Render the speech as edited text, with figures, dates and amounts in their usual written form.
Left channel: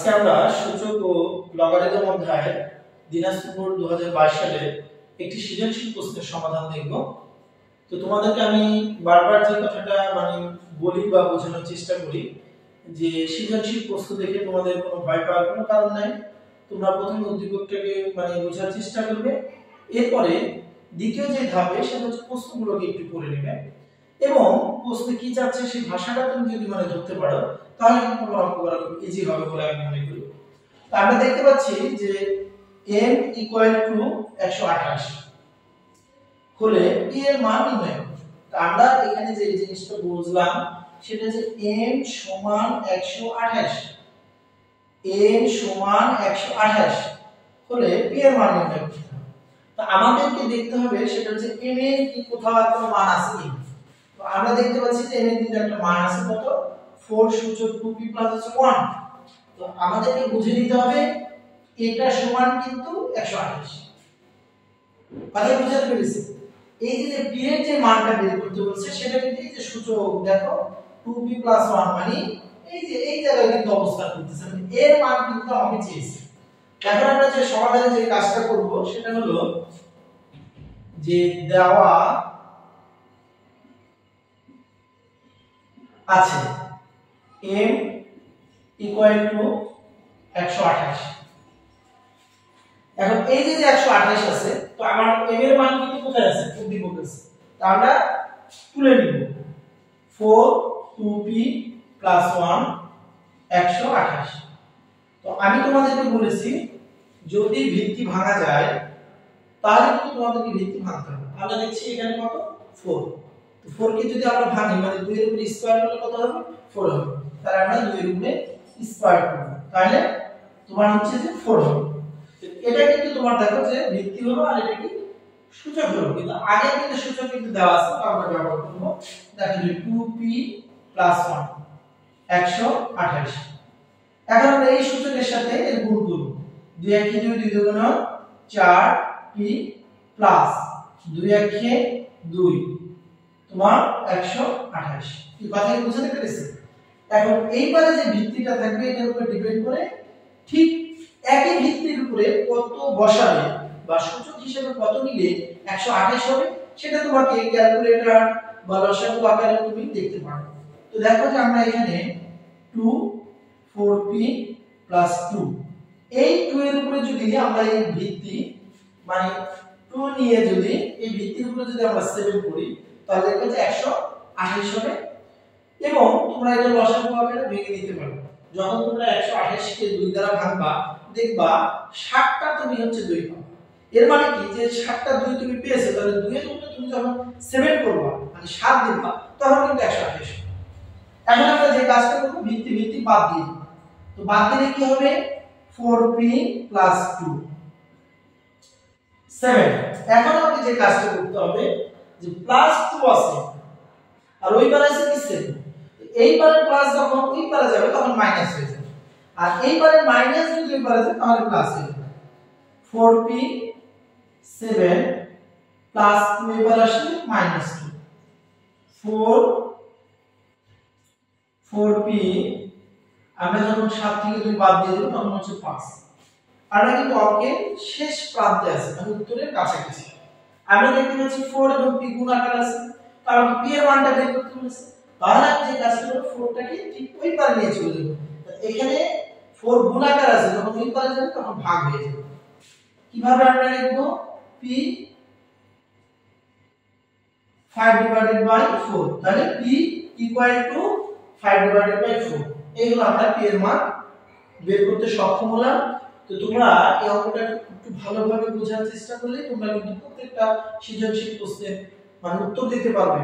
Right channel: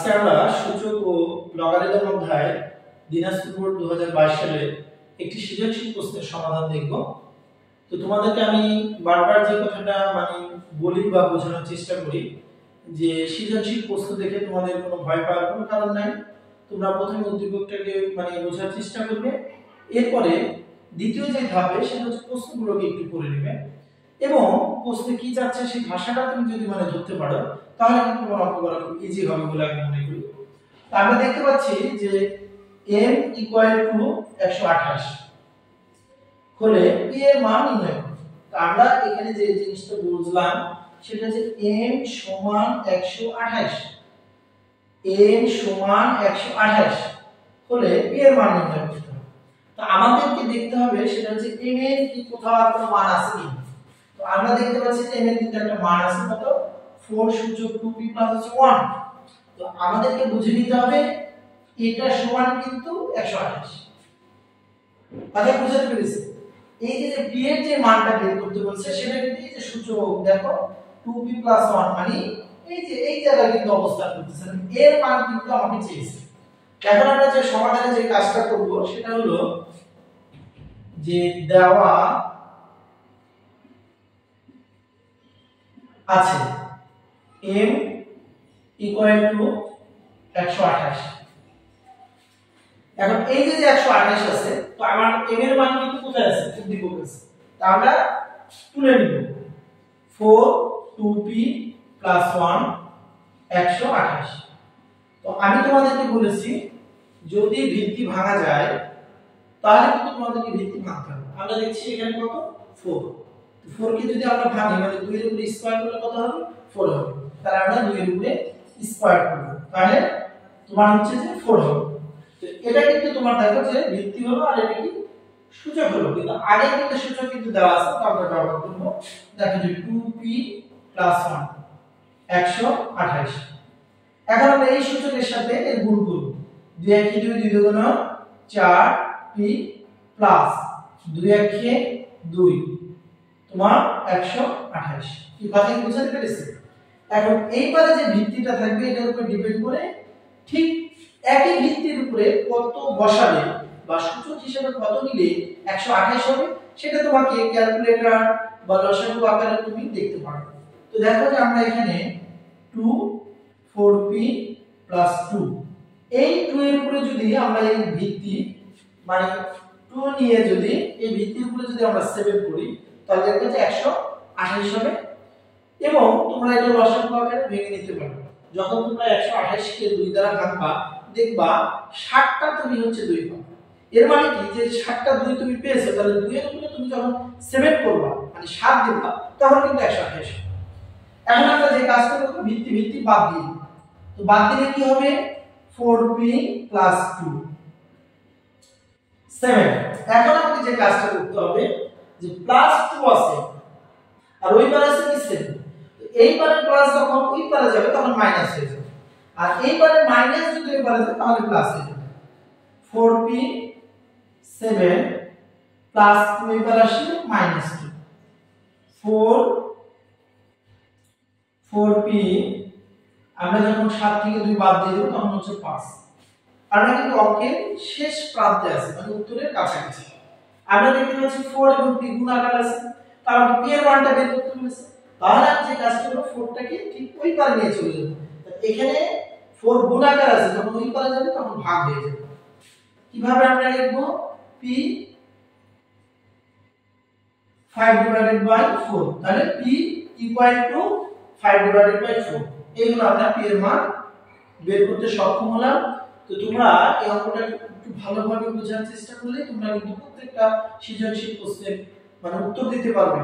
আজকে আমরা সূচক ও লগারিদম অধ্যায় দিনাজপুর বোর্ড 2022 সালে একটি সৃজনশীল প্রশ্নের সমাধান দেখব। তো তোমাদেরকে আমি বারবার যে কথাটা বলি বা বোঝানোর চেষ্টা করি যে সৃজনশীল প্রশ্ন দেখে তোমাদের কোনো ভয় পাওয়ার কোনো কারণ নাই। তোমরা প্রথমে উদ্দীপকটাকে বোঝার চেষ্টা করবে, এরপরে দ্বিতীয় যে ধাপে সেটা হচ্ছে প্রশ্নগুলোকে একটু পড়ে নেবে এবং প্রশ্নে কি যাচ্ছে সেই ভাষাটা তুমি যদি ধরতে পারো তাহলে কিন্তু তোমার অঙ্ক করা খুব ইজি হবে বলে আমি মনে করি। তো আমরা দেখতে পাচ্ছি যে m = 128 হলে p এর মান নির্ণয় করো। তো আমরা এখানে যে জিনিসটা বুঝলাম সেটা যে m = 128, m = 128 হলে p এর মান নির্ণয় করতে হবে। তো আমাদেরকে দেখতে হবে সেটা হচ্ছে m এর কি কোথাও কোনো মান আছে কি। তো আমরা দেখতে পাচ্ছি যে m এর কিন্তু একটা মান আছে, কত 4 সূচক 2p + 1। তো আমাদেরকে বুঝে নিতে হবে এটা সমান কিন্তু 128। কথা বুঝতে পেরেছি? এই যে p এর যে মানটা বের করতে বলছে সেটা কিন্তু এই যে সূচক দেখো 2p + 1 মানে এই জায়গায় কিন্তু অবস্থান করতেছে, এর মান কিন্তু আমাকে চেয়েছে। এখন আমরা যে সমাধানে যে কাজটা করব সেটা হলো যে দেওয়া আছে m = 128। এখন এই যে 128 আছে, তো আমার m এর মান কিন্তু কোথায় আছে? উদ্দীপক আছে। তো আমরা তুলে নিব 4 2p + 1 128। তো আমি তোমাদেরকে বলেছি যদি ভিত্তি ভাঙা যায় তাহলে কিন্তু তোমাদেরকে ভিত্তি ভাঙতে হবে। আমরা দেখছি এখানে কত 4, তো 4 কে যদি আমরা ভাঙি 2 এর উপরে স্কয়ার করলে কত হবে? 4 হবে। তাহলে আমরা 2 এর উপরে স্কয়ার করব, তাহলে তোমার হচ্ছে যে 4 হবে। তো এটা কিন্তু তোমার দেখো যে ভিত্তি হলো আর এটা কি সূচক হলো, কিন্তু আগে কিন্তু সূচক কিন্তু দেওয়া আছে, তো আমরা ব্যবহার করব। দেখো যে 2p + 1 128। এখন আমরা এই সূচকের সাথে এর গুণ করব। 2 * 1 = 2, 2 × 4p প্লাস 2 * 1 = 2 তোমার 128। কি কথা কি বুঝতে পেরেছি? এখন এইবারে যে ভিত্তিটা থাকবে এটার উপর ডিপেন্ড করে ঠিক একই ভিত্তির উপরে কত বসাবে বা সূচক হিসেবে কত নিলে 128 হবে সেটা তোমাকে ক্যালকুলেটর বা লসাগু আকারে তুমি দেখতে পারো। তো দেখো যে আমরা এখানে 2 4p + 2, এই 2 এর উপরে যদি আমরা এই ভিত্তি 2 নিয়ে যদি এই ভিত্তির উপরে যদি আমরা 7 করি তাহলে দেখো যে 128 হবে। এবং তোমরা এটা লসাগু আকারে ভেঙে নিতে পারো। যখন তোমরা 128 কে 2 দ্বারা ভাঙবা দেখবা 60টা তুমি হচ্ছে 2 পাবে। এর মানে কি যে 60টা 2 তুমি পেয়েছো, তাহলে 2 এর উপরে তুমি যখন 7 করবা 7 দিবা তখন কিন্তু 128। এখন আমরা যে কাজটা করব ভিত্তি বাদ দিই। তো বাদ দিলে কি হবে? 4p + 2 7। এখন আমাদের যে কাজটা করতে হবে যে +2 আছে আর ওই পারে আছে কি 7, তো এই পারে প্লাস যখন ওই পারে যাবে তখন মাইনাস হয়ে যাবে, আর এই পারে মাইনাস যদি ওই পারে যায় তাহলে প্লাস হয়ে যাবে। 4p 7 প্লাস 2 ওই পারে আসলে -2, 4p আমরা যখন 7 থেকে 2 বাদ দিয়ে দেব তখন হচ্ছে 5। আমরা কিন্তু অঙ্কের শেষ প্রান্তে আছি, উত্তরের কাছাকাছি। আমরা দেখতে পাচ্ছি 4 এবং p গুণ আকারে আছে, তাহলে p এর মানটা বের করতে বলেছে। তাহলে আমি যে কাজটা করব 4টাকে ঠিক ওই পারে নিয়ে চলে যাব। এখানে 4 গুণ আকার আছে, যখন ওই পারে যাবে তখন ভাগ হয়ে যাবে। কিভাবে আমরা লিখব? p 5/4, তাহলে p = 5/4। এইগুলো আমরা p এর মান বের করতে সক্ষম হলাম। তো তোমরা এই অঙ্কটা একটু ভালোভাবে বোঝার চেষ্টা করলে তোমরা কিন্তু প্রত্যেকটা সৃজনশীল প্রশ্নের উত্তর দিতে পারবে।